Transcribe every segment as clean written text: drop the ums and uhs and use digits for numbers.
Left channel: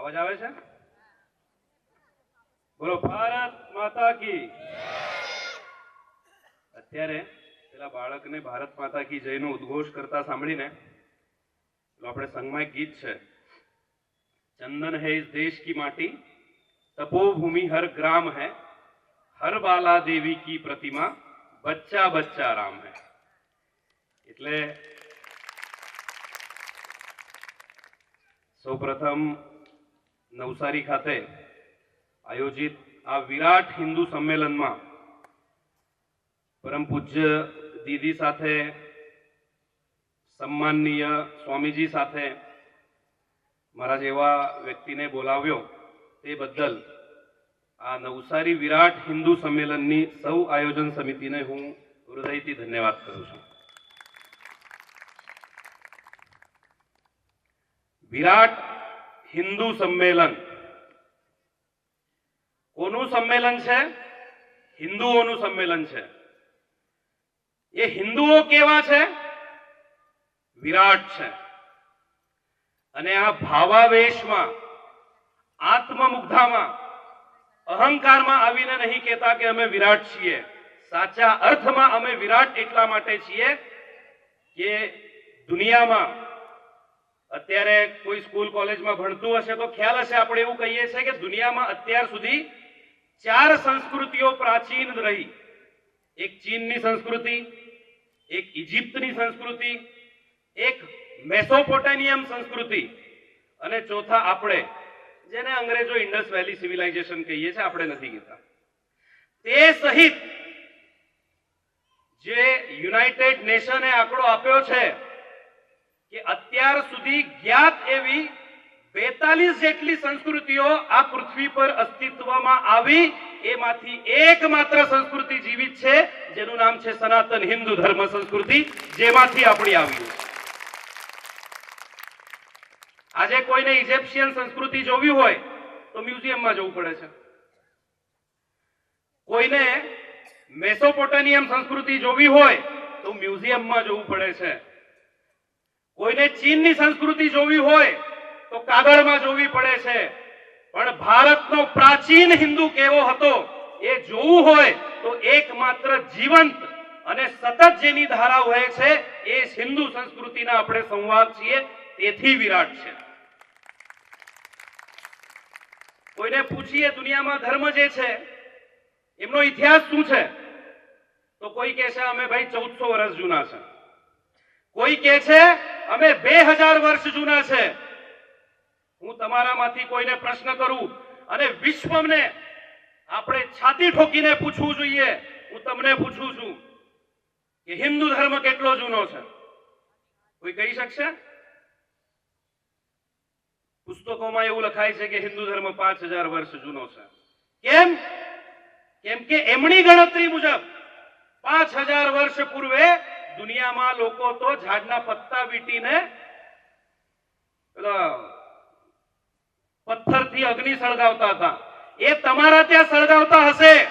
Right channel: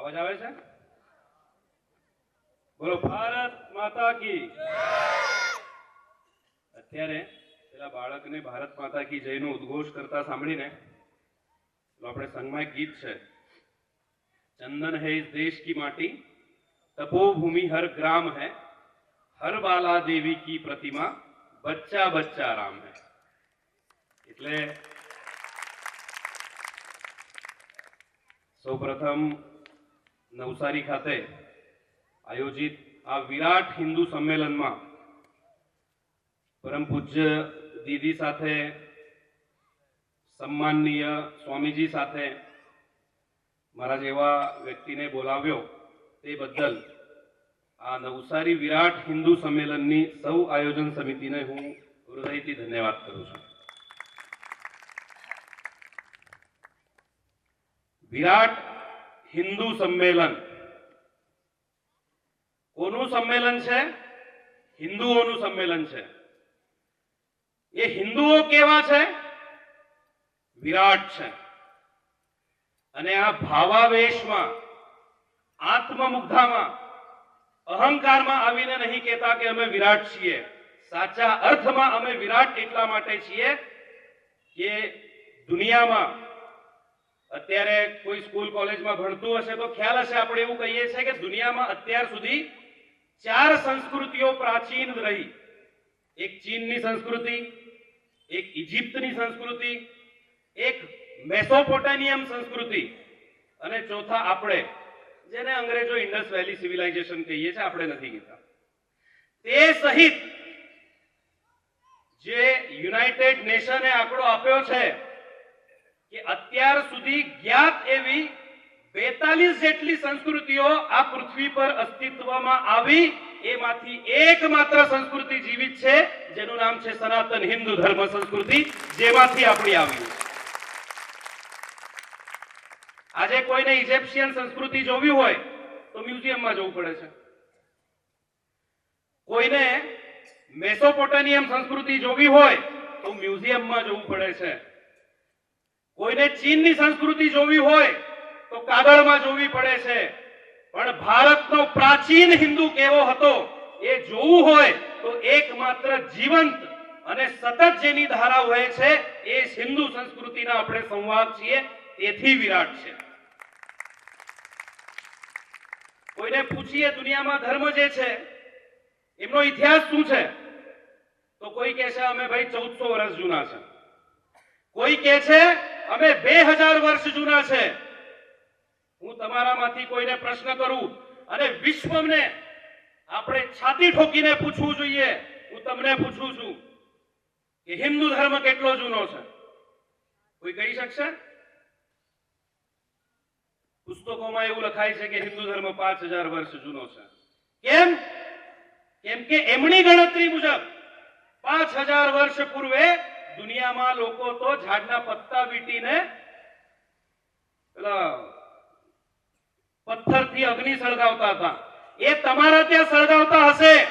અવાજ આવે છે? બોલો ભારત માતા કી. અત્યારે પેલા બાળકને ભારત માતા કી જયનો ઉદ્ઘોષ કરતા સાંભળીને આપણે સંગમાં એક ગીત છે, चंदन है इस देश की माटी, तपोभूमि हर ग्राम है, हर बाला देवी की प्रतिमा, बच्चा बच्चा राम है. એટલે સૌપ્રથમ નવસારી ખાતે આયોજિત આ વિરાટ હિન્દુ સંમેલનમાં પરમ પૂજ્ય દીદી સાથે, સન્માનનીય સ્વામીજી સાથે મારા જેવા વ્યક્તિને બોલાવ્યો તે બદલ આ નવસારી વિરાટ હિન્દુ સંમેલનની સૌ આયોજન સમિતિને હું હૃદયથી ધન્યવાદ કરું છું. વિરાટ હિન્દુ સંમેલન કોનું સંમેલન છે? હિન્દુઓનું સંમેલન છે. એ હિન્દુઓ કેવા છે? વિરાટ છે. અને આ ભાવાવેશમાં, આત્મમુગ્ધામાં, અહંકારમાં આવીને નહીં કહેતા કે અમે વિરાટ છીએ. સાચા અર્થમાં અમે વિરાટ એટલા માટે છીએ કે દુનિયામાં અત્યારે કોઈ સ્કૂલ કોલેજમાં ભણતું હશે તો ખ્યાલ હશે, આપણે એવું કહીએ છીએ કે દુનિયામાં અત્યાર સુધી 4 સંસ્કૃતિઓ પ્રાચીન રહી. એક ચીનની સંસ્કૃતિ, એક ઇજિપ્તની સંસ્કૃતિ, એક મેસોપોટેમિયમ સંસ્કૃતિ અને ચોથા આપણે, જેને અંગ્રેજો ઇન્ડસ વેલી સિવિલાઇઝેશન કહીએ છીએ, આપણે નથી કહેતા. તે સહિત જે યુનાઇટેડ નેશને આંકડો આપ્યો છે કે અત્યાર સુધી જ્ઞાત એવી 42 જેટલી સંસ્કૃતિઓ આ પૃથ્વી પર અસ્તિત્વમાં આવી, એમાંથી એકમાત્ર સંસ્કૃતિ જીવિત છે જેનું નામ છે સનાતન હિન્દુ ધર્મ સંસ્કૃતિ, જેમાંથી આપણી આવી. આજે કોઈને ઇજિપ્શિયન સંસ્કૃતિ જોવી હોય તો મ્યુઝિયમમાં જવું પડે છે. કોઈને મેસોપોટેમિયમ સંસ્કૃતિ જોવી હોય તો મ્યુઝિયમમાં જવું પડે છે. કોઈને ચીનની સંસ્કૃતિ જોવી હોય તો કાગળમાં જોવી પડે છે. પણ ભારતનો પ્રાચીન હિન્દુ કેવો હતો એ જોવું હોય તો એકમાત્ર જીવંત અને સતત જેની ધારા વહે છે એ હિન્દુ સંસ્કૃતિના આપણે સંવાદ છીએ, તેથી વિરાટ છે. કોઈને પૂછીએ દુનિયામાં ધર્મ જે છે એમનો ઇતિહાસ શું છે તો કોઈ કહે છે અમે ભાઈ 1400 વર્ષ જૂના છે. કોઈ કહે છે અમે 2000 વર્ષ જૂના છે. હું તમારામાંથી કોઈને પ્રશ્ન કરું અને વિશ્વને આપણે છાતી ઠોકીને પૂછવું જોઈએ, હું તમને પૂછું છું કે હિન્દુ ધર્મ કેટલો જૂનો છે? કોઈ કહી શકશે? પુસ્તકોમાં એવું લખાય છે કે હિન્દુ ધર્મ 5000 વર્ષ જૂનો છે. કેમ? કેમ કે એમની ગણતરી મુજબ 5000 વર્ષ પૂર્વે દુનિયામાં લોકો તો ઝાડના પત્તા વીંટીને પથ્થરથી અગ્નિ સળગાવતા હતા. એ તમારા ત્યાં સળગાવતા હશે.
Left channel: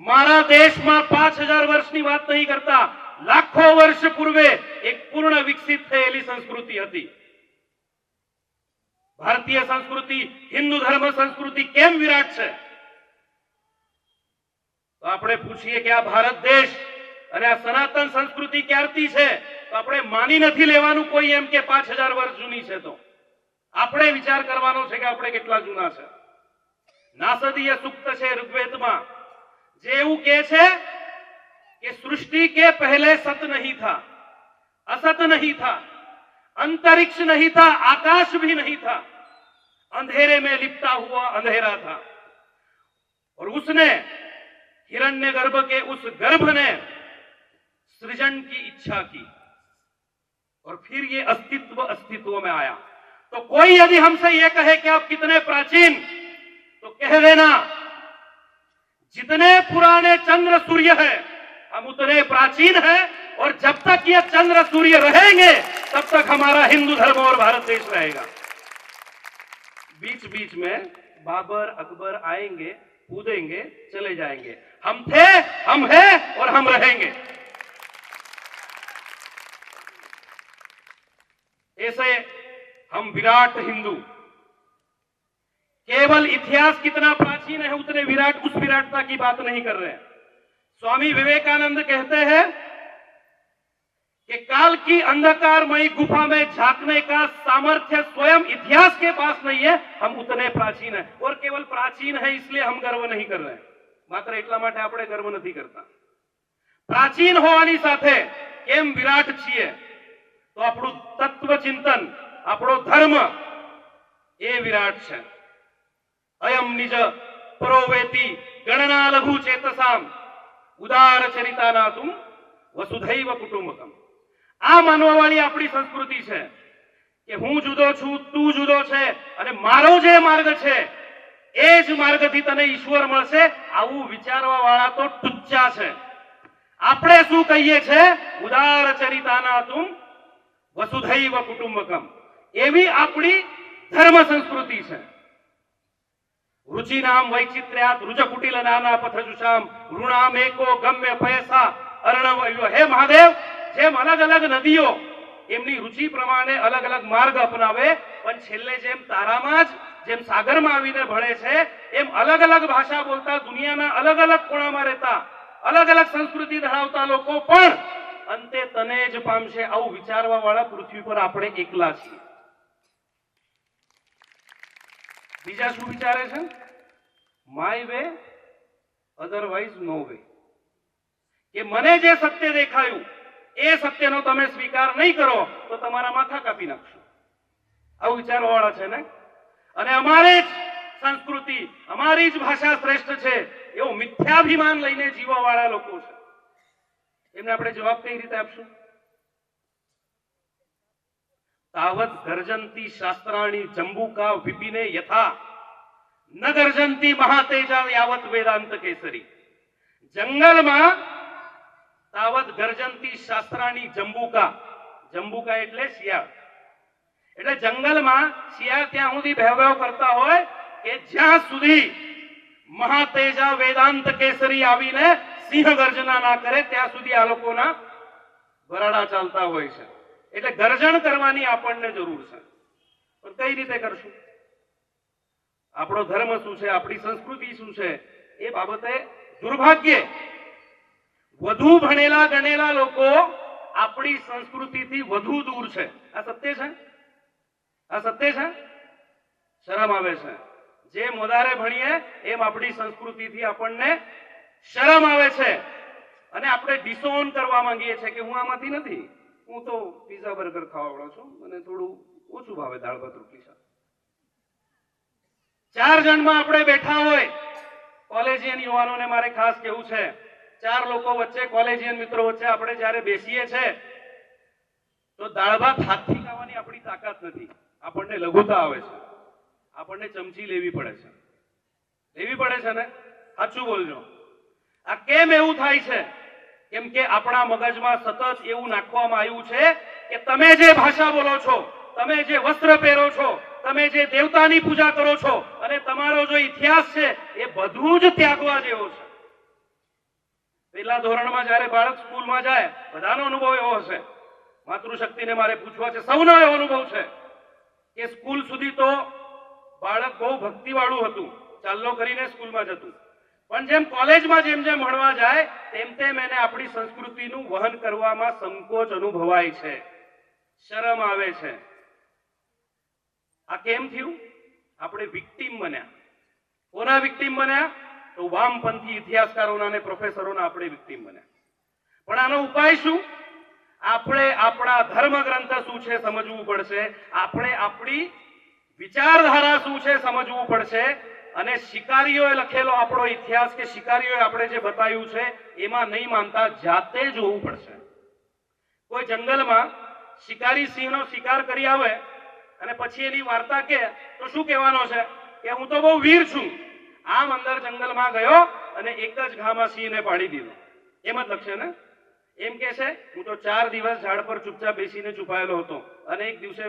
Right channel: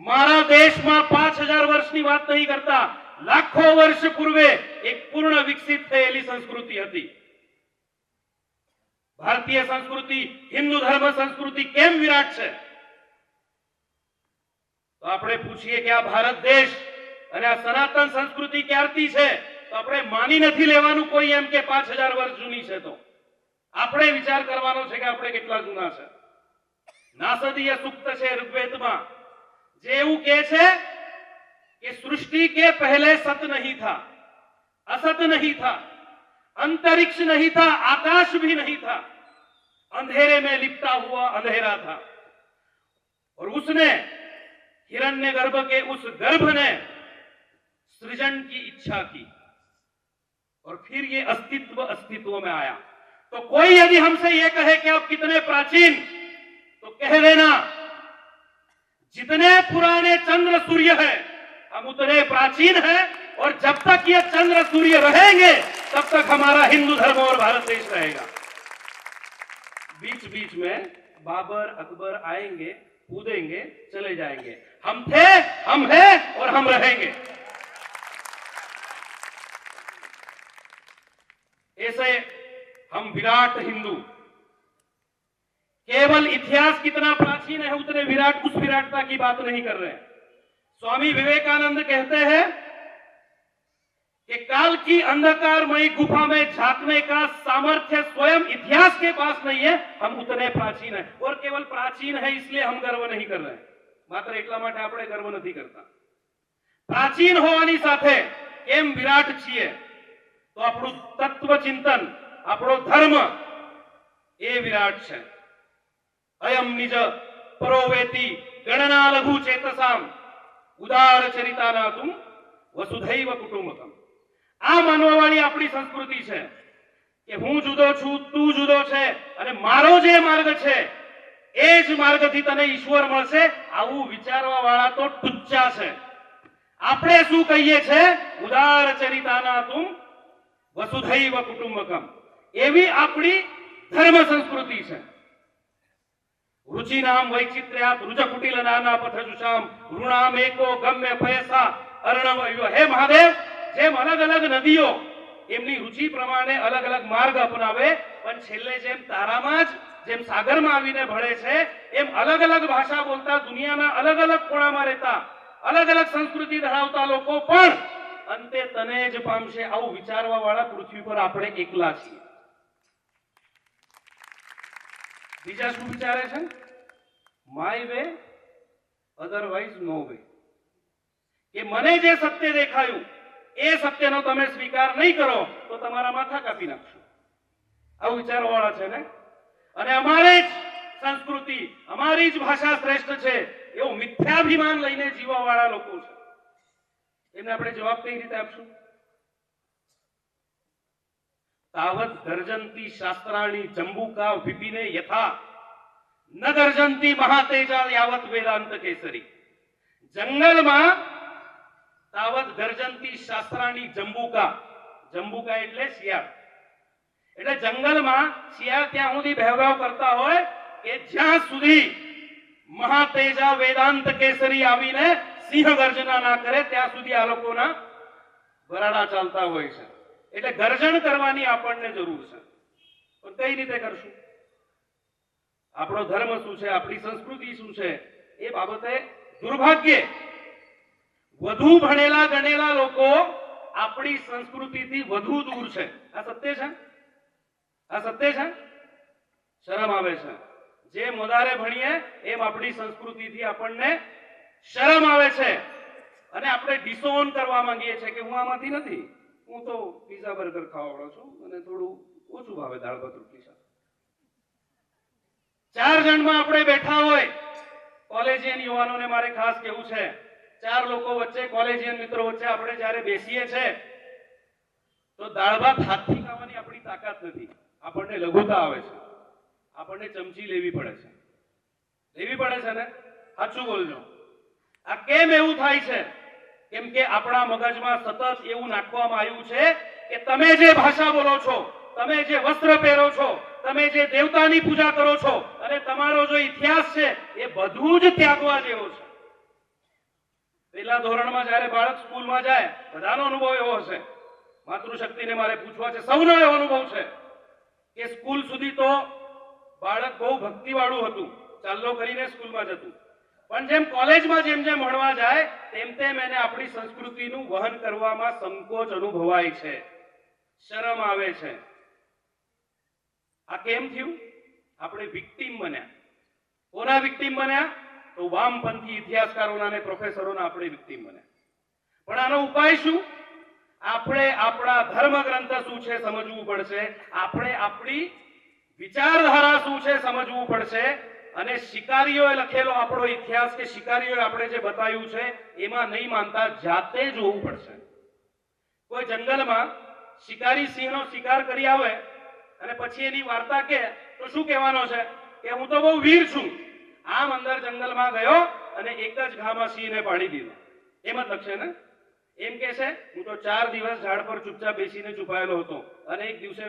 મારા દેશમાં 5000 વર્ષની વાત નહીં કરતા, લાખો વર્ષ પૂર્વે એક પૂર્ણ વિકસિત થયેલી સંસ્કૃતિ હતી. ભારતીય સંસ્કૃતિ, હિન્દુ ધર્મ સંસ્કૃતિ કેમ વિરાટ છે? તો આપણે પૂછીએ કે આ ભારત દેશ અને આ સનાતન સંસ્કૃતિ ક્યારથી છે? તો આપણે માની નથી લેવાનું કોઈ એમ કે 5000 વર્ષ જૂની છે. તો આપણે વિચાર કરવાનો છે કે આપણે કેટલા જૂના છે. નાસદીય સૂક્ત છે ઋગ્વેદમાં, જે એવું કહે છે કે सृष्टि के पहले सत नहीं था, असत नहीं था, अंतरिक्ष नहीं था, आकाश भी नहीं था, अंधेरे में लिपटा हुआ अंधेरा था. और उसने हिरण्य गर्भ के उस गर्भ ने सृजन की इच्छा की और फिर ये अस्तित्व में आया. तो कोई यदि हमसे ये कहे कि आप कितने प्राचीन, तो कह देना जितने पुराने चंद्र सूर्य है हम उतने प्राचीन हैं, और जब तक ये चंद्र सूर्य रहेंगे तब तक हमारा हिंदू धर्म और भारत देश रहेगा. बीच बीच में बाबर अकबर आएंगे, कूदेंगे, चले जाएंगे. हम थे, हम हैं और हम रहेंगे. ऐसे हम विराट हिंदू केवल इतिहास कितना प्राचीन है उतने विराट उस विराटता की बात नहीं कर रहे हैं। स्वामी विवेकानंद कहते हैं कि काल की अंधकारमयी गुफा में झांकने का सामर्थ्य स्वयं इतिहास के पास नहीं है, हम उतने प्राचीन है। और केवल प्राचीन है इसलिए हम गर्व नहीं कर रहे, मात्र એટલા માટે આપણે ગર્વ નથી કરતા। પ્રાચીન હોવાની સાથે કેમ વિરાટ છીએ તો આપણું તત્વ ચિંતન, આપણો ધર્મ એ વિરાટ છે। અયમ નિજ પરોવેતિ ગણના લઘુ ચેતસામ ઉદાર ચરિતાનાતુમ વસુધૈવ કુટુંબકમ। આ માનવાવાળી આપણી સંસ્કૃતિ છે કે હું જુદો છું, તું જુદો છે અને મારો જે માર્ગ છે એ જ માર્ગથી તને ઈશ્વર મળશે, આવું વિચારવા વાળા તો ટુચ્ચા છે। આપણે શું કહીએ છે? ઉદાર ચરિતાનાતુમ વસુધૈવ કુટુંબકમ, એવી આપણી ધર્મ સંસ્કૃતિ છે। रुचिनाम वैचित्र्यात रुज कुटिल नाना पथजुषाम ऋणाम एको गम्य पयसा अर्णवयो। हे महादेव, જેમ અલગ અલગ નદીઓ એમની રુચિ પ્રમાણે અલગ અલગ માર્ગ અપનાવે, પણ છેલ્લે જેમ તારામાં જ જેમ સાગરમાં આવીને ભળે છે, એમ અલગ અલગ ભાષા બોલતા દુનિયાના અલગ અલગ ખૂણામાં રહેતા અલગ અલગ સંસ્કૃતિ ધરાવતા લોકો પણ અંતે તને જ પામશે, આવું વિચારવા વાળા પૃથ્વી પર આપણે એકલા છીએ। બીજા શું વિચારે છે? My way otherwise no way, કે મને જે સત્ય દેખાયું એ સત્યનો તમે સ્વીકાર નહીં કરો તો તમારા માથા કાપી નાખશું, આવું વિચારવા વાળા છે ને। અને અમારી જ સંસ્કૃતિ, અમારી જ ભાષા શ્રેષ્ઠ છે એવો મિથ્યાભિમાન લઈને જીવવા વાળા લોકો છે, એમને આપણે જવાબ કઈ રીતે આપશું? तावत गर्जन्ति शास्त्राणि जंबूका विपिने यथा न गर्जन्ति महातेजा यावत वेदांत केसरी। जंगल में तावत गर्जन्ति शास्त्राणि जंबूका, जंबूका એટલે શિયાળ, એટલે જંગલ માં શિયાળ ત્યાં સુધી ભેવરાવ કરતા હોય કે જ્યાં સુધી મહાતેજા વેદાંત કેસરી આવીને સિંહ ગર્જના ના કરે ત્યાં સુધી આ લોકોના વરાડા ચાલતા હોય છે। એટલે ગર્જન કરવાની આપણને જરૂર છે, પણ કઈ રીતે કરશું? આપણો ધર્મ શું છે, આપણી સંસ્કૃતિ શું છે, એ બાબતે દુર્ભાગ્ય વધુ ભણેલા ગણેલા લોકો આપણી સંસ્કૃતિથી વધુ દૂર છે। આ સત્ય છે, આ સત્ય છે। શરમ આવે છે, જેમ વધારે ભણીએ એમ આપણી સંસ્કૃતિથી આપણને શરમ આવે છે અને આપણે ડિસોન કરવા માંગીએ છીએ કે હું આમાંથી નથી, હું તો પીઝા બર્ગર ખાવા વાળો છું, મને થોડું ઓછું ભાવે દાળ ભાત રોટલી શાક। 4 જણમાં આપણે બેઠા હોય, કોલેજિયન યુવાનોને મારે ખાસ કહેવું છે, 4 લોકો વચ્ચે, કોલેજિયન મિત્રો વચ્ચે આપણે જ્યારે બેસીએ છે તો દાળ ભાત હાથથી ખાવાની આપણી તાકાત નથી, આપણને લઘુતા આવે છે, આપણને ચમચી લેવી પડે છે, લેવી પડે છે ને? સાચું બોલજો। આ કેમ એવું થાય છે? કેમ કે આપણા મગજમાં સતત એવું નાખવામાં આવ્યું છે કે તમે જે ભાષા બોલો છો, તમે જે વસ્ત્ર પહેરો છો, તમે જે દેવતાની પૂજા કરો છો અને તમારો જો ઇતિહાસ છે એ બધું જ ત્યાગવા જેવો છે। પહેલા ધોરણમાં જ્યારે બાળક સ્કૂલમાં જાય, બધાનો અનુભવ એવો હશે, માતૃશક્તિને મારે પૂછવા છે, સૌનો એવો અનુભવ છે કે સ્કૂલ સુધી તો બાળક બહુ ભક્તિવાળું હતું, ચાલ્લો કરીને સ્કૂલમાં જતું, પણ જેમ કોલેજમાં જેમ જેમ ભણવા જાય તેમ તેમ એને આપણી સંસ્કૃતિનું વહન કરવામાં સંકોચ અનુભવાય છે, શરમ આવે છે। આ કેમ થયું? આપણે વિક્ટીમ બન્યા। કોના વિક્ટીમ બન્યા? તો વામપંથી ઇતિહાસકારોના અને પ્રોફેસરોના આપણે વિક્ટીમ બન્યા। પણ આનો ઉપાય શું? આપણે આપણા ધર્મ ગ્રંથ શું છે સમજવું પડશે, આપણે આપણી વિચારધારા શું છે સમજવું પડશે, અને શિકારીઓએ લખેલો આપણો ઇતિહાસ કે શિકારીઓએ આપણે જે બતાવ્યું છે એમાં નહીં માનતા જાતે જોવું પડશે। કોઈ જંગલમાં શિકારી સિંહનો શિકાર કરી આવે અને પછી એની વાર્તા કે તો શું કહેવાનો છે કે હું તો બહુ વીર છું, આમ અંદર જંગલમાં ગયો અને એક જ ઘામાં સિંહને પાડી દીધો, એમ જ લખશે ને? એમ કે છે હું તો 4 દિવસ ઝાડ પર ચૂપચાપ બેસીને છુપાયેલો હતો અને એક દિવસે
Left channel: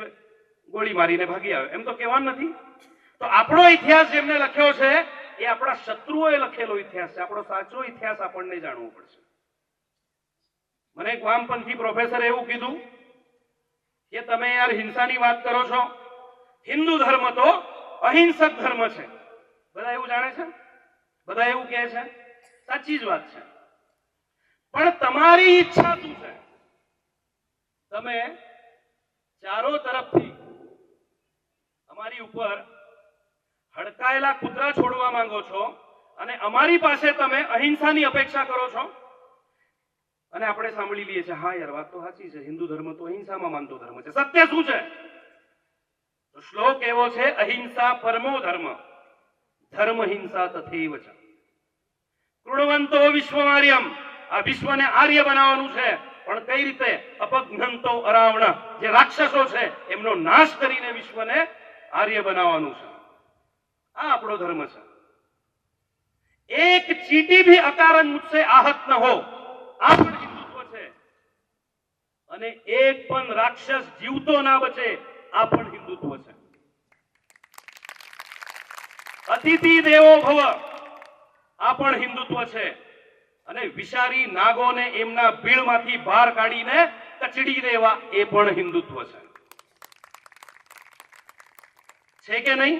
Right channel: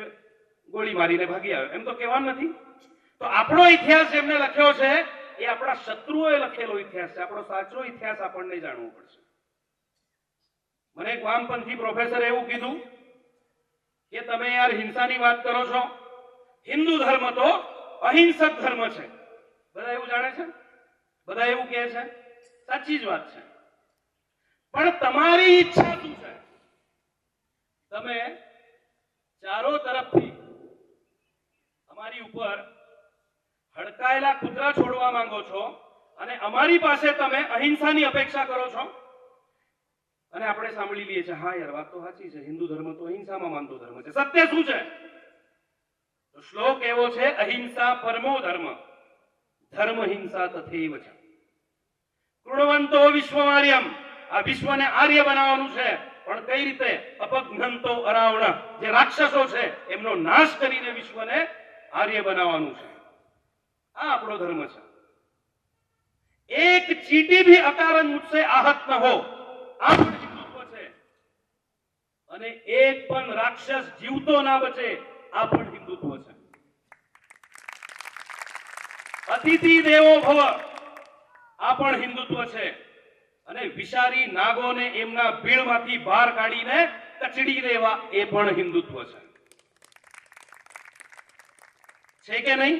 ગોળી મારીને ભાગી આવ્યો, એમ તો કહેવાનું નથી। તો આપણો ઇતિહાસ જેમને લખ્યો છે એ આપણા શત્રુઓએ લખેલો ઇતિહાસ છે, આપણો સાચો ઇતિહાસ આપણને જાણવો પડશે। મને એક વામપંથી પ્રોફેસરે એવું કીધું કે તમે યાર હિંસાની વાત કરો છો, હિન્દુ ધર્મ તો અહિંસક ધર્મ છે, બધા એવું જાણે છે, બધા એવું કહે છે, સાચી જ વાત છે. પણ તમારી ઈચ્છા શું છે? તમે ચારો તરફથી અમારી ઉપર હડકાયેલા કૂતરા છોડવા માંગો છો અને અમારી પાસે તમે અહિંસાની અપેક્ષા કરો છો. અને આપણે સાંભળી લઈએ છીએ, હા યાર વાત તો સાચી છે, હિન્દુ ધર્મ તો અહિંસામાં માનતો ધર્મ છે. સત્ય શું છે? તો શ્લોક એવો છે, અહિંસા પરમો ધર્મ, ધર્મ હિંસા તથૈવ ચ. કૃણવંતો વિશ્વમાર્યમ, આ વિશ્વને આર્ય બનાવવાનું છે, પણ કઈ રીતે? અપઘ્નંતો અરાવણ, જે રાક્ષસો છે એમનો નાશ કરીને વિશ્વને આર્ય બનાવવાનું છે. આ આપણો ધર્મ છે. એક ચીટી भी अकारण मुझसे आहत न हो, આ પણ હિન્દુત્વ છે. અને એક પણ રાક્ષસ જીવતો ના બચે, આ પણ હિન્દુત્વ છે. અતિથિ દેવો ભવ, આ પણ હિન્દુત્વ છે. અને વિષારી નાગોને એમના ભીડમાંથી બહાર કાઢીને કચડી દેવા, એ પણ હિન્દુત્વ છે કે નહીં?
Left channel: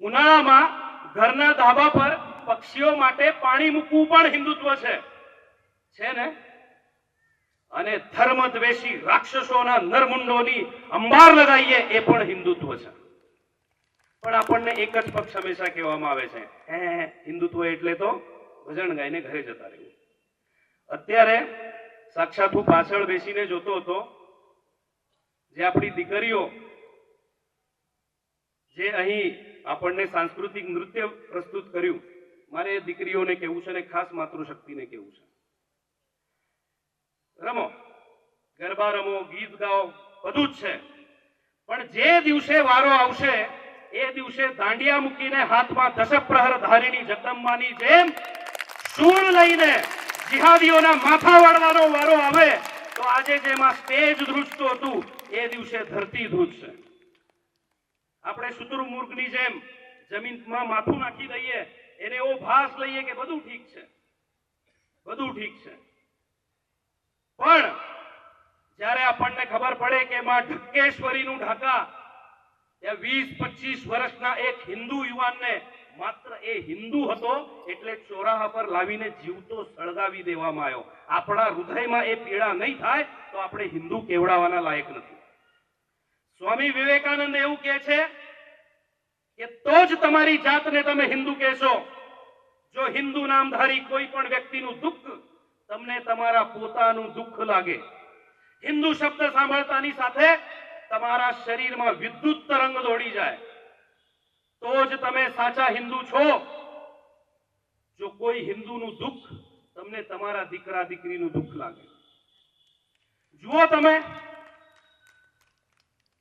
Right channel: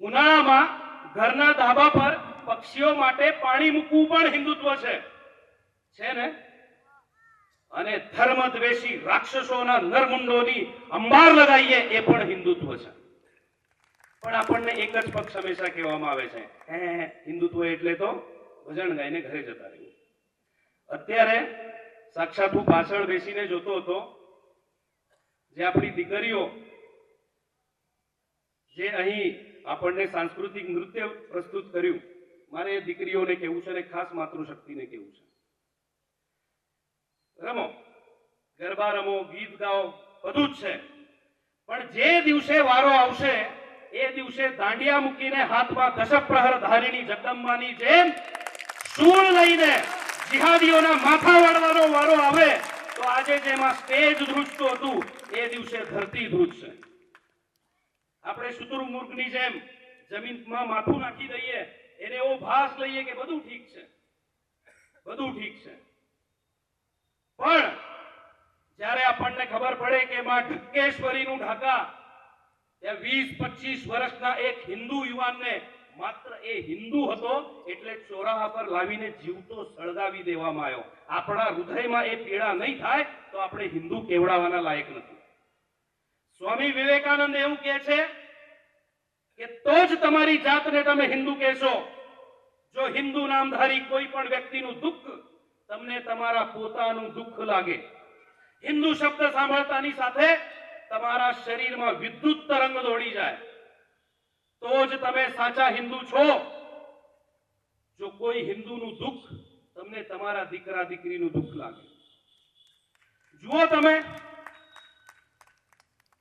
ઉનાળામાં ઘરના ધાબા પર પક્ષીઓ માટે પાણી મૂકવું પણ હિન્દુત્વ છે ને? અને ધર્મદ્વેષી રાક્ષસોના નરમુંડોની અંબાર લગાવીએ, એ પણ હિન્દુત્વ છે. પણ આપણને એક જ પક્ષ હંમેશા કહેવામાં આવે છે, હિન્દુત્વ એટલે તો ભજન ગાઈને ઘરે જતા રહેવું. અત્યારે સાક્ષાત હું પાછળ બેસીને જોતો હતો, જે આપણી દીકરીઓ જે અહીં આપણને સાંસ્કૃતિક નૃત્ય પ્રસ્તુત કર્યું, મારે એ દીકરીઓને કહેવું છે અને ખાસ માતૃશક્તિને કહેવું છે, રમો, ગરબા રમો, ગીત ગાઓ, બધું જ છે. પણ જે દિવસે વારો આવશે, એ દિવસે દાંડિયા મૂકીને હાથમાં દશપ્રહર ધારીની જગદંબાની જેમ શૂળ લઈને જિહાદીઓના માથા વાળવાનો વારો આવે, તો આજે જેમાં સ્ટેજ ધ્રુજતું હતું, એ દિવસે ધરતી ધ્રુજશે. આપણે શુતુરમુર્ગની જેમ જમીનમાં માથું નાખી દઈએ, એને એવો ભાસ લઈએ કે બધું ઠીક છે, બધું ઠીક છે. પણ જ્યારે આપણને ખબર પડે કે માં ઢક્કેશ્વરીનું ઢાકા, ત્યાં 20-25 વર્ષના એક હિન્દુ યુવાનને, માત્ર એ હિન્દુ હતો એટલે ચોરાહા પર લાવીને જીવતો સળગાવી દેવામાં આવ્યો. આપણા હૃદયમાં એ પીડા નહીં થાય તો આપણે હિન્દુ કેવડાવવાના લાયક નથી. સ્વામી વિવેકાનંદ એવું કહે છે કે તો જ તમારી જાતને તમે હિન્દુ કહેશો, જો હિન્દુ નામધારી કોઈ પણ વ્યક્તિનું દુઃખ તમને તમારા પોતાનું દુઃખ લાગે. હિન્દુ શબ્દ સાંભળતાની સાથે તમારા શરીરમાં વિદ્યુત તરંગ દોડી જાય, તો જ તમે સાચા હિન્દુ છો. જો કોઈ હિન્દુનું દુઃખ તમને તમારા દીકરા દીકરીનું દુઃખ લાગે, જુઓ તમે,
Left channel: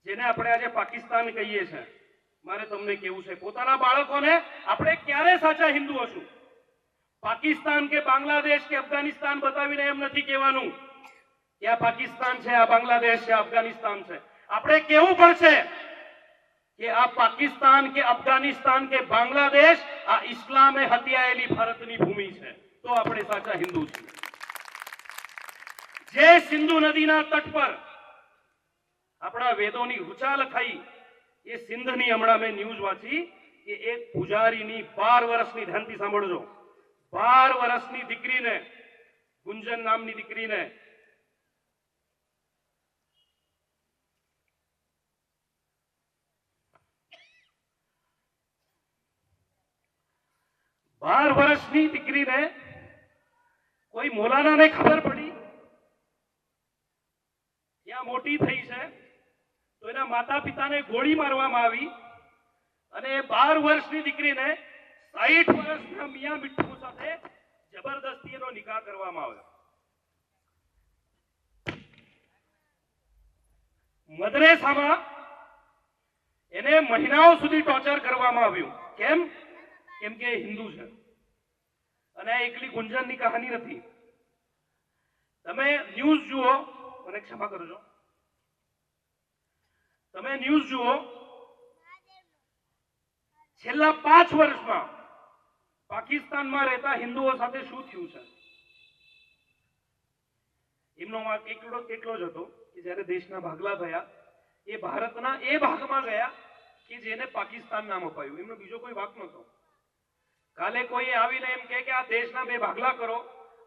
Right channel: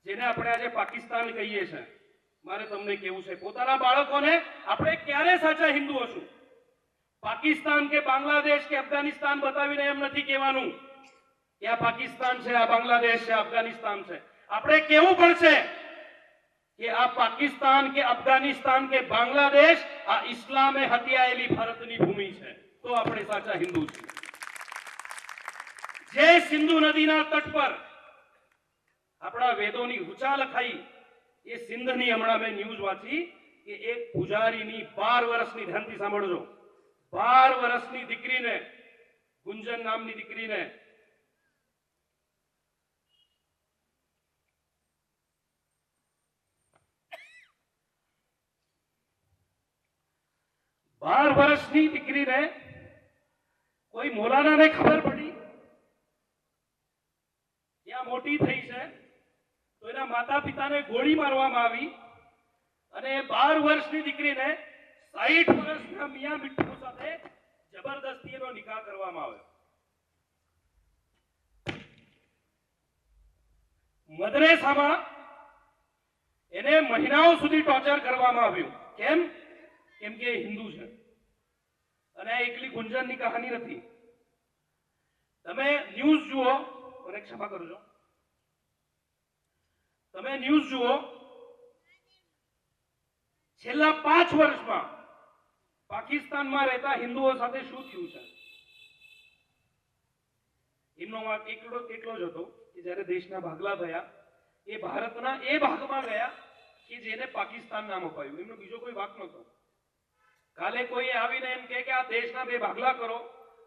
જેને આપણે આજે પાકિસ્તાન કહીએ છીએ, મારે તમને કેવું છે, પોતાના બાળકોને આપણે ક્યારે સાચા હિન્દુ હશું? પાકિસ્તાન કે બાંગ્લાદેશ કે અફઘાનિસ્તાન બતાવીને એમ નથી કહેવાનું કે આ પાકિસ્તાન છે, આ બાંગ્લાદેશ છે, અફઘાનિસ્તાન છે. આપણે કેવું પડશે કે આ પાકિસ્તાન કે અફઘાનિસ્તાન કે બાંગ્લાદેશ આ ઇસ્લામે હત્યાયેલી ભારતની ભૂમિ છે, તો આપણે સાચા હિન્દુ છીએ. જે સિંધુ નદીના તટ પર આપણા વેદોની ઋચા લખાઈ, એ સિંધની હમણાં મેં ન્યૂઝ વાંચી કે એક પૂજારીની 12 વર્ષની, ધ્યાનથી સાંભળજો, 12 વર્ષની દીકરીને, ગુંજન નામની દીકરીને કોઈ મોલાનાને ખબર પડી, ત્યાં મોટી થઈ છે, તો એના માતા પિતાને ગોળી મારવામાં આવી અને 12 વર્ષની દીકરીને 60 વર્ષના મિયા મિઠ્ઠુ સાથે જબરદસ્તી એનો નિકાહ કરવામાં આવ્યો. મદ્રેસામાં એને મહિનાઓ સુધી ટોર્ચર કરવામાં આવ્યું. કેમ? કેમ કે હિન્દુ છે. અને આ એકલી ગુંજનની કહાની નથી. તમે ન્યૂઝ જુઓ, મને ક્ષમા કરજો, તમે ન્યૂઝ જુઓ, છેલ્લા 5 વર્ષમાં પાકિસ્તાનમાં રહેતા હિન્દુઓ સાથે શું થયું છે. એમનો વાંક એટલો જ હતો કે જ્યારે દેશના ભાગલા થયા, એ ભારતના એ ભાગમાં ગયા કે જેને પાકિસ્તાન નામ અપાયું, એમનો બીજો કોઈ વાક નહોતો. કાલે કોઈ આવીને એમ કહે કે આ દેશના બે ભાગલા કરો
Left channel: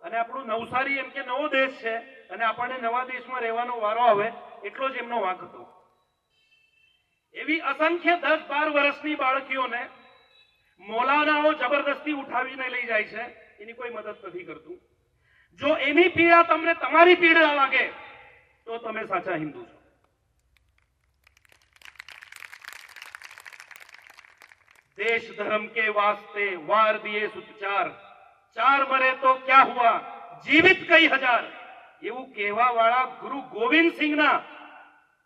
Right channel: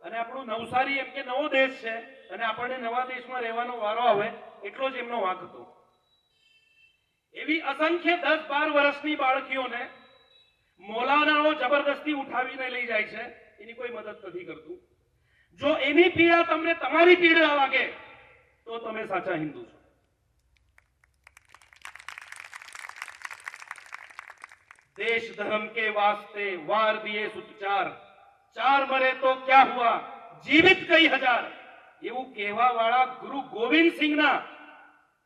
અને આપણું નવસારી એમ કે નવો દેશ છે અને આપણને નવા દેશમાં રહેવાનો વારો આવે, એટલો જ એમનો વાંક હતો. એવી અસંખ્ય 10-12 વર્ષની બાળકીઓને મૌલાનાઓ જબરદસ્તી ઉઠાવીને લઈ જાય છે, એની કોઈ મદદ નથી કરતું. જો એની પીડા તમને તમારી પીડા લાગે તો તમે સાચા હિન્દુ છો. देश धर्म के वास्ते वार दिए सुचार, चार मरे तो क्या हुआ जीवित कई हजार, એવું કહેવા વાળા ગુરુ ગોવિંદસિંહના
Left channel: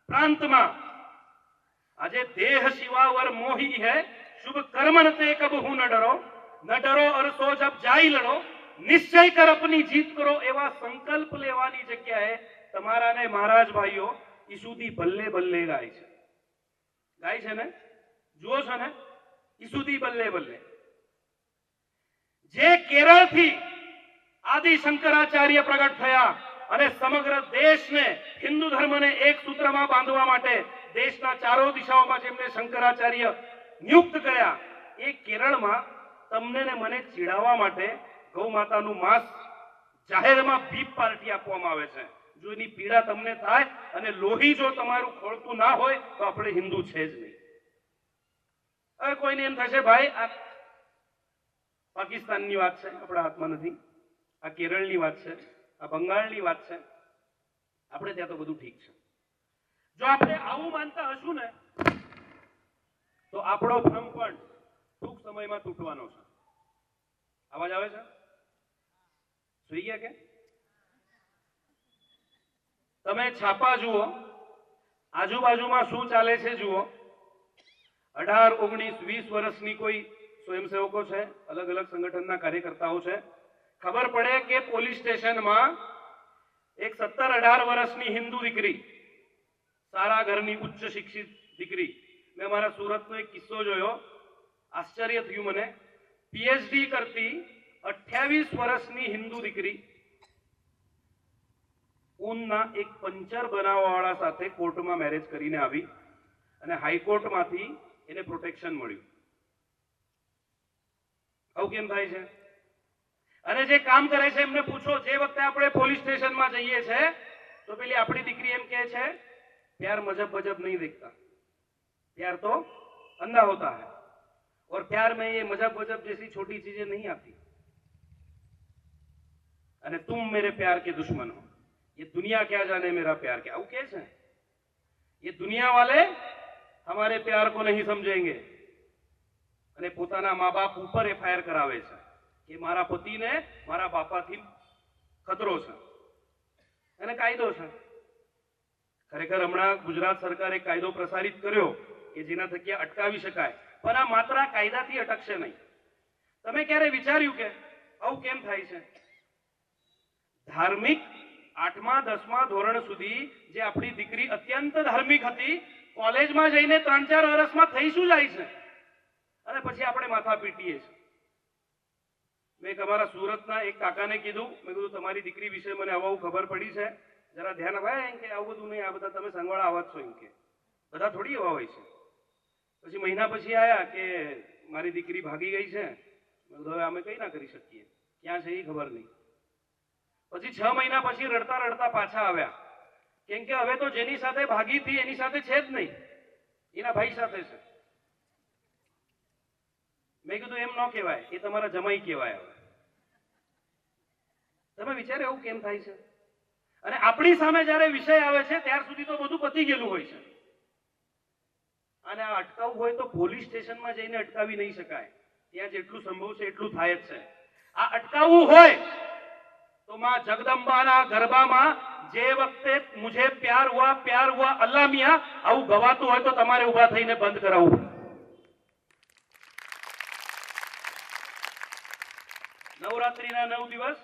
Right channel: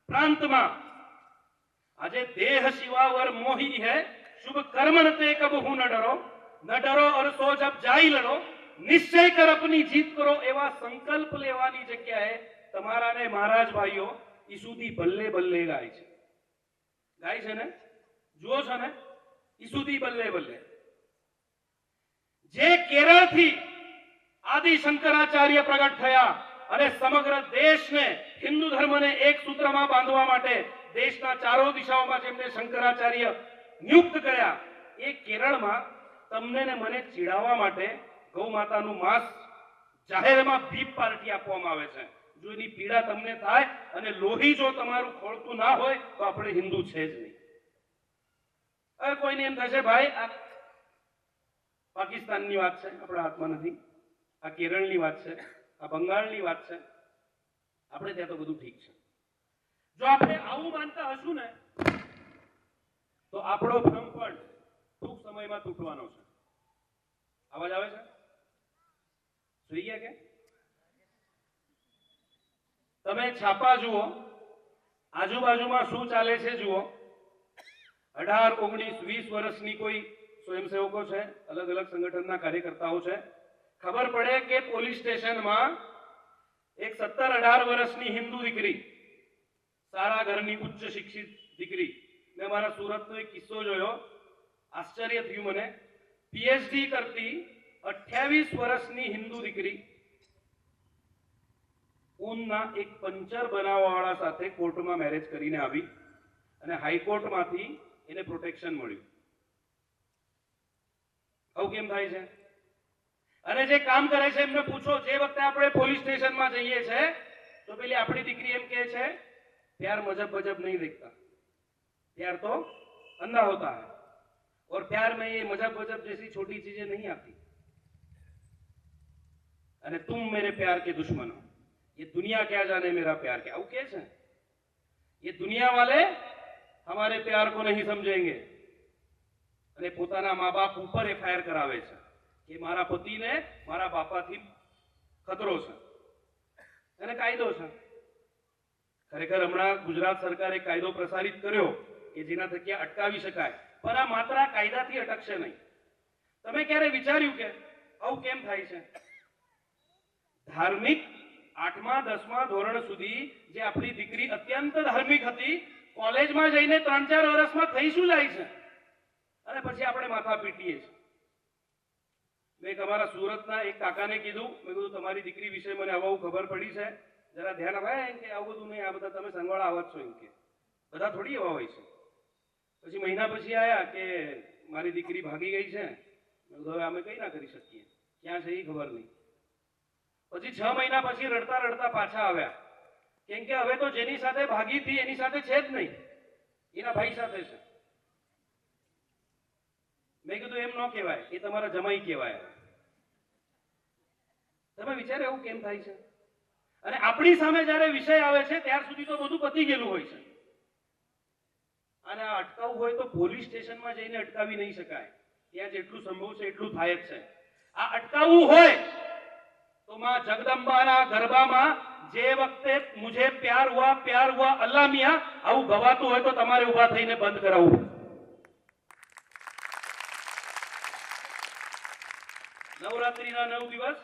પ્રાંતમાં આજે દેહ શિવાવર મોહી હૈ, શુભ કર્મણ તે કબહુ ન ડરો और सो जब जाई लड़ो, निश्चय कर अपनी जीत करो, એવા સંકલ્પ લેવાની જગ્યાએ તમારા ને મહારાજ ભાઈઓ ઈસુદી બલ્લે બલ્લે ગાય છે ને, જુઓ છો ને, ઈસુદી બલ્લે બલ્લે. જે કેરળથી આદિ શંકરાચાર્ય પ્રગટ થયા અને સમગ્ર દેશને હિન્દુ ધર્મને એક સૂત્રમાં બાંધવા માટે દેશના ચારો દિશાઓમાં જેમને શંકરાચાર્ય નિયુક્ત કર્યા, એ કેરળમાં તમને ને મને ચીડાવવા માટે ગૌ માતાનું માંસ જાહેરમાં બીપ પાર્ટી આપવામાં આવે છે. જો એની પીડા તમને થાય અને લોહી જો તમારું ખોળતું ના હોય તો આપણે હિન્દુ છે જ નહીં. હવે કોઈને એમ થશે ભાઈ આ પાકિસ્તાનની વાત છે, આપણા હાથમાં નથી, આ કેરળની વાત છે, આ બંગાળની વાત છે, આપણે ત્યાં તો બધું ઠીક છે. જો આપણે આવું માનતા હશું ને તો આપણો ભ્રમ પણ ટૂંક સમયમાં તૂટવાનો છે. અવાજ આવે છે? સુઈ ગયા કે? તમે છાપા જુઓ, આજુબાજુમાં શું ચાલે છે જુઓ. 18, 19, 20 વર્ષની કોઈ સ્વયંસેવકો છે, અલગ અલગ સંગઠનના કાર્યકર્તાઓ છે. ખબર પડે કે પોલીસ સ્ટેશનમાં એક 17-18 વર્ષની હિન્દુ દીકરી, સારા ઘરની ઉચ્ચ શિક્ષિત દીકરી, મેં મારા સુરતનો એક કિસ્સો જોયો, આશ્ચર્ય થયું મને. પીએચડી કરતી 28 વર્ષની હિન્દુ દીકરી ઊનના એક પંચર બનાવવાવાળા સાથે કોર્ટમાં મેરેજ કરીને આવી અને હાઈકોર્ટમાંથી એને પ્રોટેક્શન મળ્યું. આવું કેમ થાય છે? અને જે કામ કરે છે એમને પૂછો, જે વખતે આપણે પોલીસ સ્ટેશનમાં જઈએ છે તો પેલી આપણી દીકરી એમ કહે છે प्यार मजहब मजहब नहीं देखता, प्यार तो अंधा होता है और प्यार में ये मजहब मजहब जैसी छोटी चीजें नहीं आती, अरे तुम मेरे प्यार के दुश्मन हो, ये दुनिया क्या जाने मेरा प्यार क्या. आવું કે છે, ये दुनिया वाले हमारे प्यार को नहीं समझेंगे અને પોતાના મા બાપ ઉપર એફઆઈઆર કરાવે છે કે મારા પતિને મારા બાપાથી ખતરો છે અને કાયદો છે. ખરેખર હમણાં ગુજરાત સરકારે કાયદો પ્રસારિત કર્યો કે જેના થકી અટકાવી શકાય, પણ આ માત્ર કાયદાથી અટકશે નહીં. તમે ક્યારે વિચાર્યું કે આવું કેમ થાય છે? ધાર્મિક 8મા 10મા ધોરણ સુધી જે આપણી દીકરી અત્યંત ધાર્મિક હતી, કોલેજમાં જઈને 3-4 વર્ષમાં થઈ શું જાય છે અને પછી આપણે માથા પીટીએ છીએ. મેં તમારા સુરતના એક કાકાને કીધું, મેં કીધું તમારી દીકરી વિશે મને આવું ખબર પડી છે, જરા ધ્યાન અપાય. એમ કે આવું બધું નહીં, આ બધા તમે સંગવાળા આવા છો, એમ કે બધા થોડી એવા હોય છે. પછી મહિના પછી આયા કે મારી દીકરી ભાગી ગઈ છે. હવે અમે કઈ ના કરી શકીએ, ક્યાં છે એ ખબર નહીં. પછી 6 મહિના પછી રડતા રડતા પાછા આવ્યા, કેમ કે હવે તો જેની સાથે ભાગી હતી એની સાથે છે જ નહીં, એના ભાઈ સાથે છે. મેં કીધું એમ ન કહેવાય, એ તમારા જમાઈ કહેવાય. તમે વિચારો એવું કેમ થાય છે? અને આપણી સામે જયારે વિષય આવે છે ત્યાર સુધી તો બધું પતી ગયેલું હોય છે. અને આ અટકાવવું હોય તો પોલીસ સ્ટેશનમાં જઈને અટકાવી નહીં શકાય, ત્યાં જેટલું સંભવ છે એટલું થાય જ છે. આ અટકાવવું હોય તો માં જગદંબાના ગરબામાં જે વખતે મુझे प्यार हुआ अल्लाह मियां આવું ગવાતું હોય તો તમારે ઉભા થઈને બંધ કરાવવું. નવરાત્રીના 9 દિવસ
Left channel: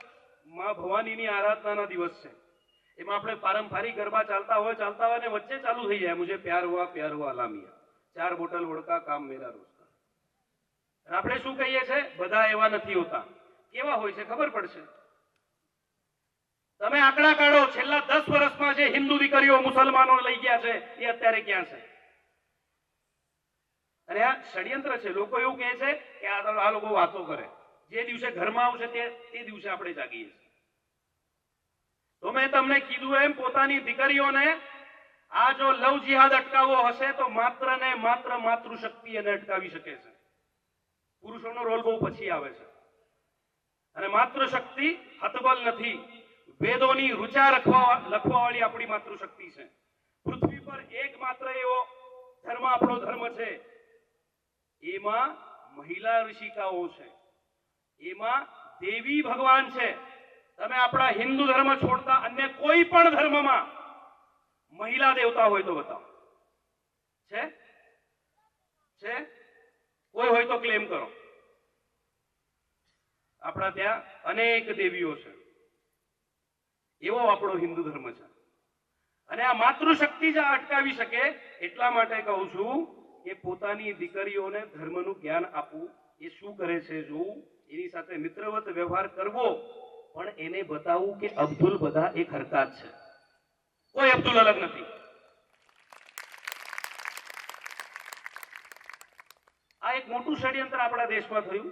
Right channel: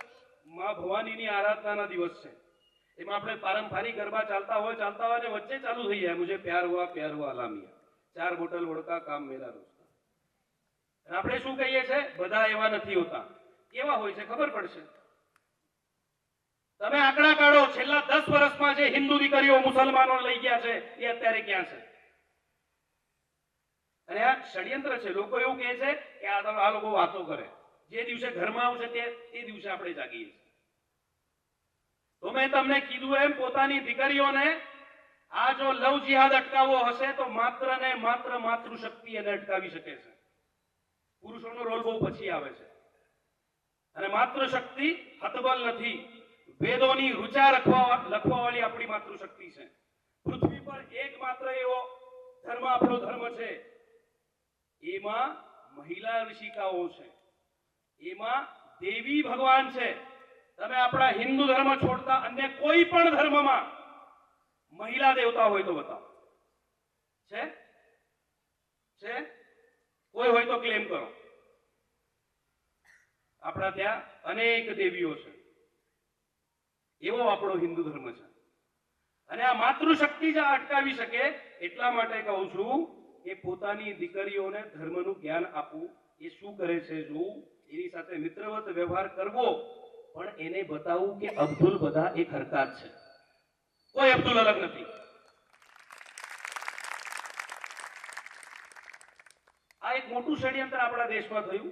માં ભવાનીની આરાધનાના દિવસ છે. એમાં આપણે પારંપરિક ગરબા ચાલતા હોય ને વચ્ચે ચાલુ થઈ જાય મુझे प्यार हुआ अल्लाह मियां, 4 બોટલ વોડકા કામ મેરા રોજકા. આપણે શું કહીએ છે? બધા એવા નથી હોતા. કેવા હોય છે ખબર પડશે. તમે આંકડા કાઢો, છેલ્લા 10 વર્ષમાં જે હિન્દુ દીકરીઓ મુસલમાનો લઈ ગયા છે એ અત્યારે ક્યાં છે? અને આ ષડયંત્ર છે. લોકો એવું કહે છે કે આ લોકો વાતો કરે, જે દિવસે ઘરમાં આવશે તે દિવસે આપણે જાગીએ છીએ. તો મેં તમને કીધું એમ પોતાની દીકરીઓને આ જો લવ જિહાદ અટકાવવો હશે તો માત્ર ને માત્ર માતૃશક્તિ એને અટકાવી શકે છે. પુરુષોનો રોલ બહુ પછી આવે છે. અને માતૃશક્તિ હતબલ નથી. વેદોની ઋચા લખવા વાળી આપણી માતૃશક્તિ છે. પૃથ્વી પર એકમાત્ર એવો ધર્મ આપણો ધર્મ છે, એમાં મહિલા ઋષિકાઓ છે, એમાં દેવી ભગવાન છે. તમે આપણા હિન્દુ ધર્મ છોડતા અન્ય કોઈ પણ ધર્મમાં મહિલા દેવતા હોય તો બતાવો. છે છે કોઈ હોય તો ક્લેમ કરો. આપણા ત્યાં અનેક દેવીઓ છે. એવો આપણો હિન્દુ ધર્મ છે. અને આ માતૃશક્તિ જ અટકાવી શકે એટલા માટે કહું છું કે પોતાની દીકરીઓને ધર્મનું જ્ઞાન આપવું, એ શું કરે છે જોવું, એની સાથે મિત્રવત વ્યવહાર કરવો, પણ એને બતાવવું કે અબ્દુલ બધા એક હરકત છે, કોઈ અબ્દુલ અલગ નથી. આ એક મોટું ષડયંત્ર આપણા દેશમાં થયું.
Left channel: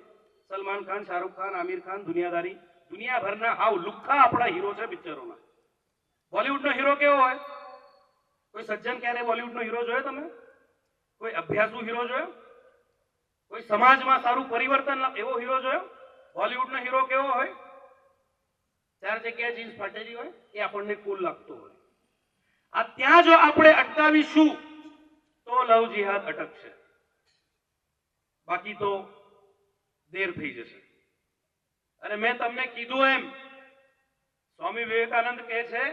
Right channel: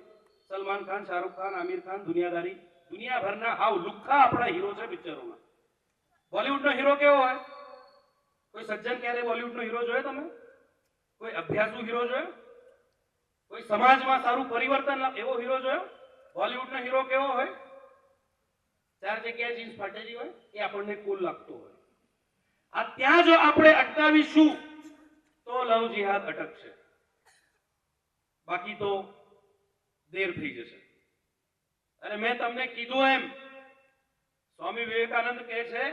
સલમાન ખાન, શાહરુખ ખાન, આમિર ખાન, દુનિયાદારી, દુનિયાભરના હાવ લુખ્ખા આપણા હીરો છે પિક્ચરોના. બોલિવૂડનો હીરો કેવો હોય? કોઈ સજ્જન ક્યારે બોલિવૂડનો હીરો જોયો તમે? કોઈ અભ્યાસુ હીરો જોયો? કોઈ સમાજમાં સારું પરિવર્તન એવો હીરો જોયો? બોલિવૂડનો હીરો કેવો હોય? 4 જગ્યાએ જીન્સ ફાટેલી હોય, એ આપણને કુલ લાગતો હોય. આ ત્યાં જો આપણે અટકાવીશું તો લવ જિહાદ અટકશે, બાકી તો દેર થઈ જશે. અને મેં તમને કીધું એમ સ્વામી વિવેકાનંદ કહે છે,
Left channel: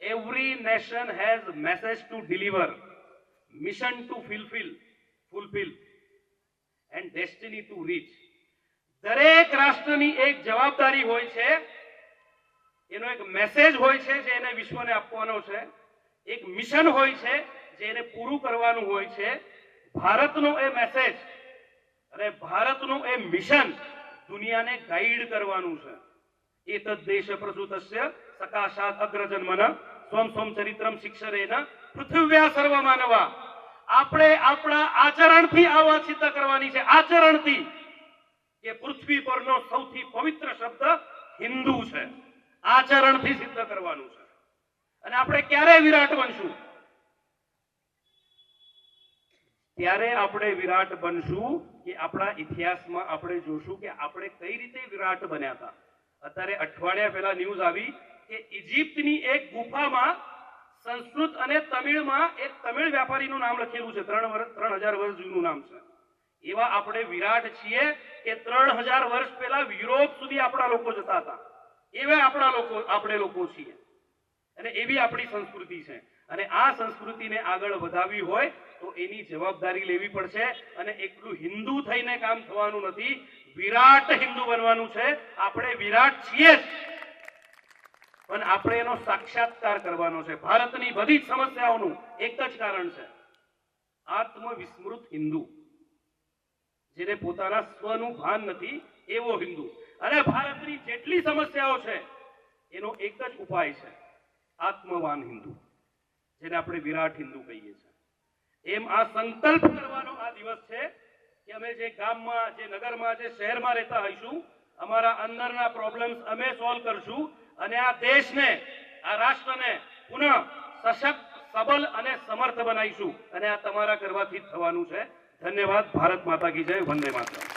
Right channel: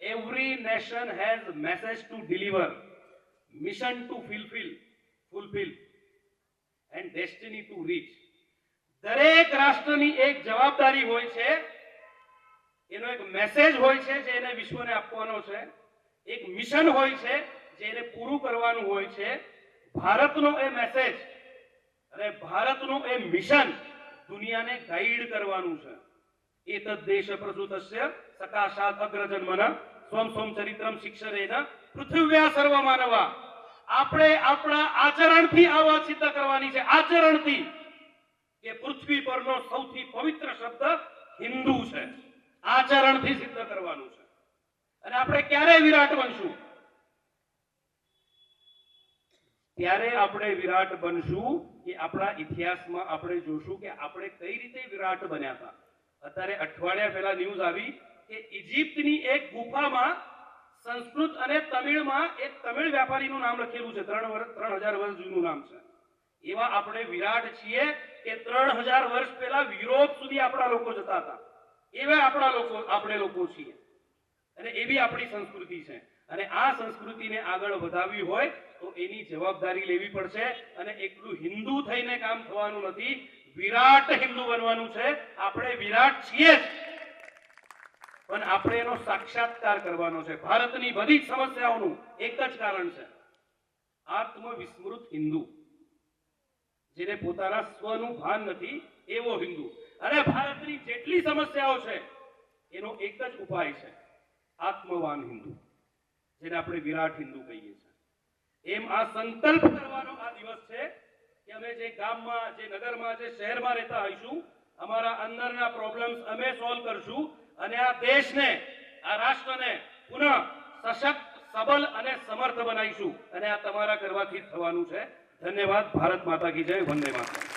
every nation has message to deliver, mission to fulfil and destiny to reach. દરેક રાષ્ટ્રની એક જવાબદારી હોય છે, એનો એક મેસેજ હોય છે જે એને વિશ્વને આપવાનો છે, એક મિશન હોય છે જે એને પૂરું કરવાનું હોય છે. ભારતનો એ મેસેજ અને ભારતનું એ મિશન દુનિયાને ગાઈડ કરવાનું છે. એતદ દેશ પ્રસૂતસ્ય સકાશાત અગ્રજન્મન સ્વમ સ્વમ ચરિત્રમ શિક્ષરેન પૃથ્વ્યા સર્વ માનવા. આપણે આપણા આચરણથી આ વાત સિદ્ધ કરવાની છે, આચરણથી, કે પૃથ્વી પરનો સૌથી પવિત્ર શબ્દ હિન્દુ છે. આચરણથી સિદ્ધ કરવાનું છે. અને આપણે ક્યારે વિરાટ બનશું? ત્યારે આપણે વિરાટ બનશું કે આપણા ઇતિહાસમાં આપણે જોશું કે આપણે કઈ રીતે વિરાટ બન્યા હતા. અત્યારે અઠવાડિયા પહેલા ન્યૂઝ આવી કે ઇજિપ્તની એક ગુફામાં સંસ્કૃત અને તમિળમાં એક તમિળ વ્યાપારીનું નામ લખેલું છે. 3000 વર્ષ જૂનું નામ છે. એવા આપણે વિરાટ છીએ કે 3000 વર્ષ પહેલા યુરોપ સુધી આપણા લોકો જતા હતા. એવા આપણે લોકો છીએ. અને એવી આપણી સંસ્કૃતિ છે. અને આ સંસ્કૃતિને આગળ વધારવી હોય તો એની જવાબદારી લેવી પડશે. અને એકલું હિન્દુ થઈને કામ થવાનું નથી, વિરાટ હિન્દુ બનવાનું છે. આપણે વિરાટ છીએ, પણ આપણે એનો સાક્ષાત્કાર કરવાનો છે. ભારતની બધી જ સમસ્યાઓનું એક જ કારણ છે, આત્મવિસ્મૃત હિન્દુ, જેને પોતાના સ્વનું ભાન નથી એવો હિન્દુ. અને ભારતની જેટલી સમસ્યાઓ છે એનો એક જ ઉપાય છે, આત્મવાન હિન્દુ, જેને આપણે વિરાટ હિન્દુ કહીએ છીએ. એમ આ સંકલ્પ કરવાનો આ દિવસ છે કે અમે જે ગામમાં, જે નગરમાં, જે શહેરમાં રહેતા હોઈશું, અમારા અંદરના પ્રોબ્લેમ્સ અમે સોલ્વ કરશું અને આ દેશને, આ રાષ્ટ્રને પુનઃ સશક્ત, સબલ અને સમર્થ બનાવીશું. અને આ તમારા કરવાથી થવાનું છે. ધન્યવાદ. ભારત માતા કી જય. વંદે માતરમ.